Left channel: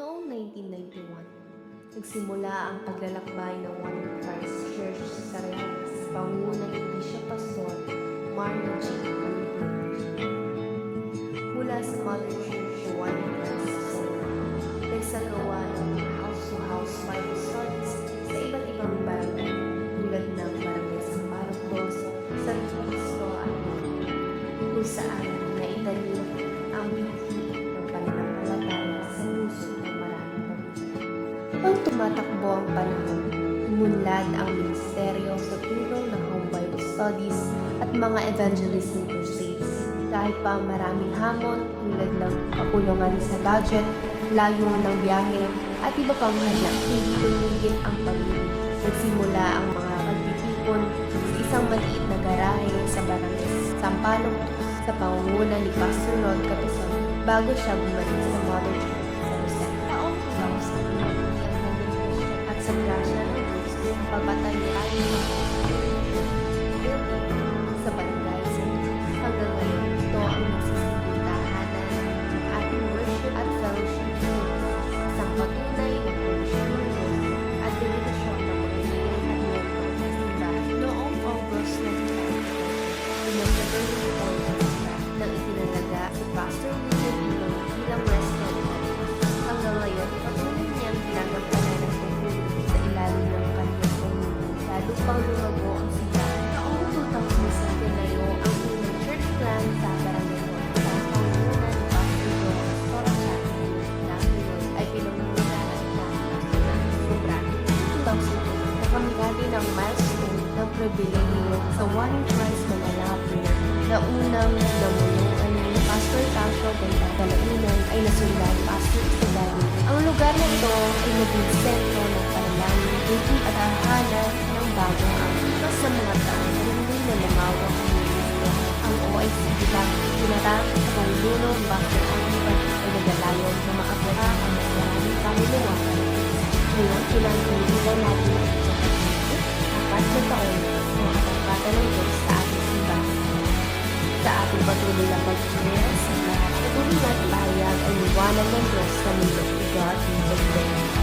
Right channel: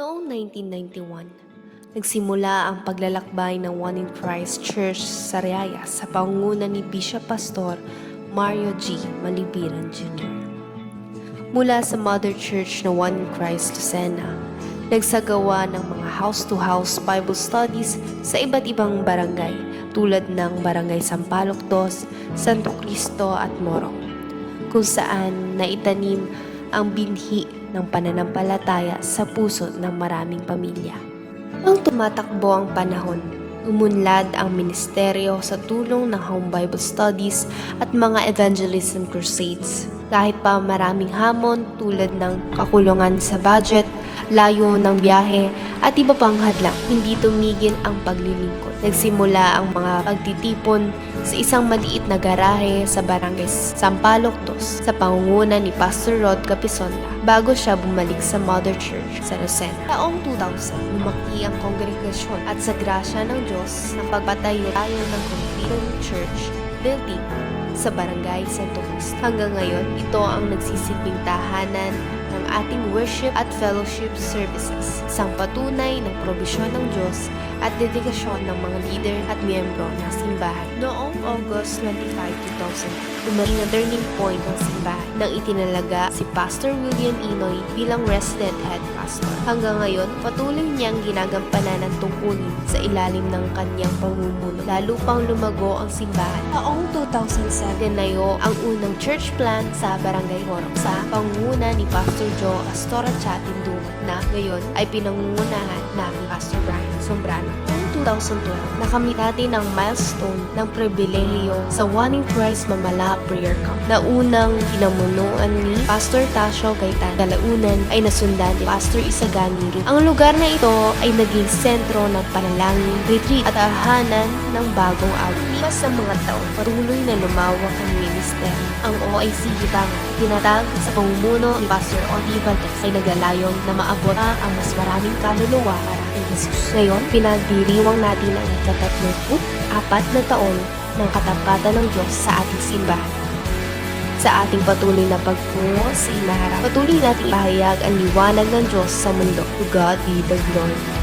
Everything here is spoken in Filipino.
Noong 1991, nagsimula ang paglalakbay ng One in Christ Church sa Riyaya sa pangunguna ni Bishop Pastor Mario G. Malipiran Jr. Mula sa Mother Church na One in Christ Lucena, nagsagawa ng mga house-to-house Bible studies sa iba't ibang barangay tulad ng Barangay Sampaloc 2, Santo Cristo at Morong, kung saan naitanim ang binhi ng pananampalataya sa puso ng maraming pamilya. Nang tumatakbo ang panahon, umunlad ang ministeryo sa tulong ng home Bible studies at mga evangelism crusades. Kahit pa maraming hamon tulad ng kakulungan sa budget, layo ng biyahe at iba pang hadlang, hindi tumigil ang paglilingkod. Nagsimula ang mga pagtitipon sa isang maliit na garahe sa Barangay Sampaloc 2 sa pangunguna ni Pastor Rod Capison bago siya bumalik sa Mother Church sa Lucena. Taong 2000, lumaki ang kongregasyon at sa grasya ng Diyos ang pagpatayo ng Filipino Church building sa Barangay Santo Cristo. Hanggang ngayon, ito ang nagsisilbing tahanan ng ating worship at fellowship services, isang patunay ng probisyon ng Diyos at dedikasyon ng mga leader at miyembro ng simbahan. Noong August 25, 2000, dumating na turning point ng simbahan nang itinalaga si Pastor William Inoy bilang resident head pastor. Hanggang ngayon, patuloy niyang ginagampanan ng tungkulin sa ilalim ng kanyang pamumuno. Lalo pang lumago ang simbahan. Taong 2007, tinayo ang unang church plant sa Barangay Hon sa pangunguna ni Pastor Joe Astora Chatindo na ngayon ay pinangungunahan na Pastor Brian Sombrano. 2012, nakamit natin ang milestone ng pribilehiyo sa One in Christ Mamala Prayer Camp na unang pinamunuan ni Pastor Tasio Gaitan. Kalaunan ay nasundan ni Pastor Isagani. Ang lugar na ito ay naging sentro ng panalangin, retreat at tahanan ng bagong outreach. Sa mga taon, patuloy na lumawak ang minister. Ang OIC Bitang, tinatang sa pamumuno ni Pastor Oliver ay naglalayon na maabot ang mas maraming kaluluwa. Ngayon, pinagdiriwang natin ang 44 na taon ng katapatan ng Diyos sa ating simbahan. Sa ating patuloy na pagtungo sa simbahan, patuloy natin ihayag ang liwanag ng Diyos sa mundo. To God be the glory.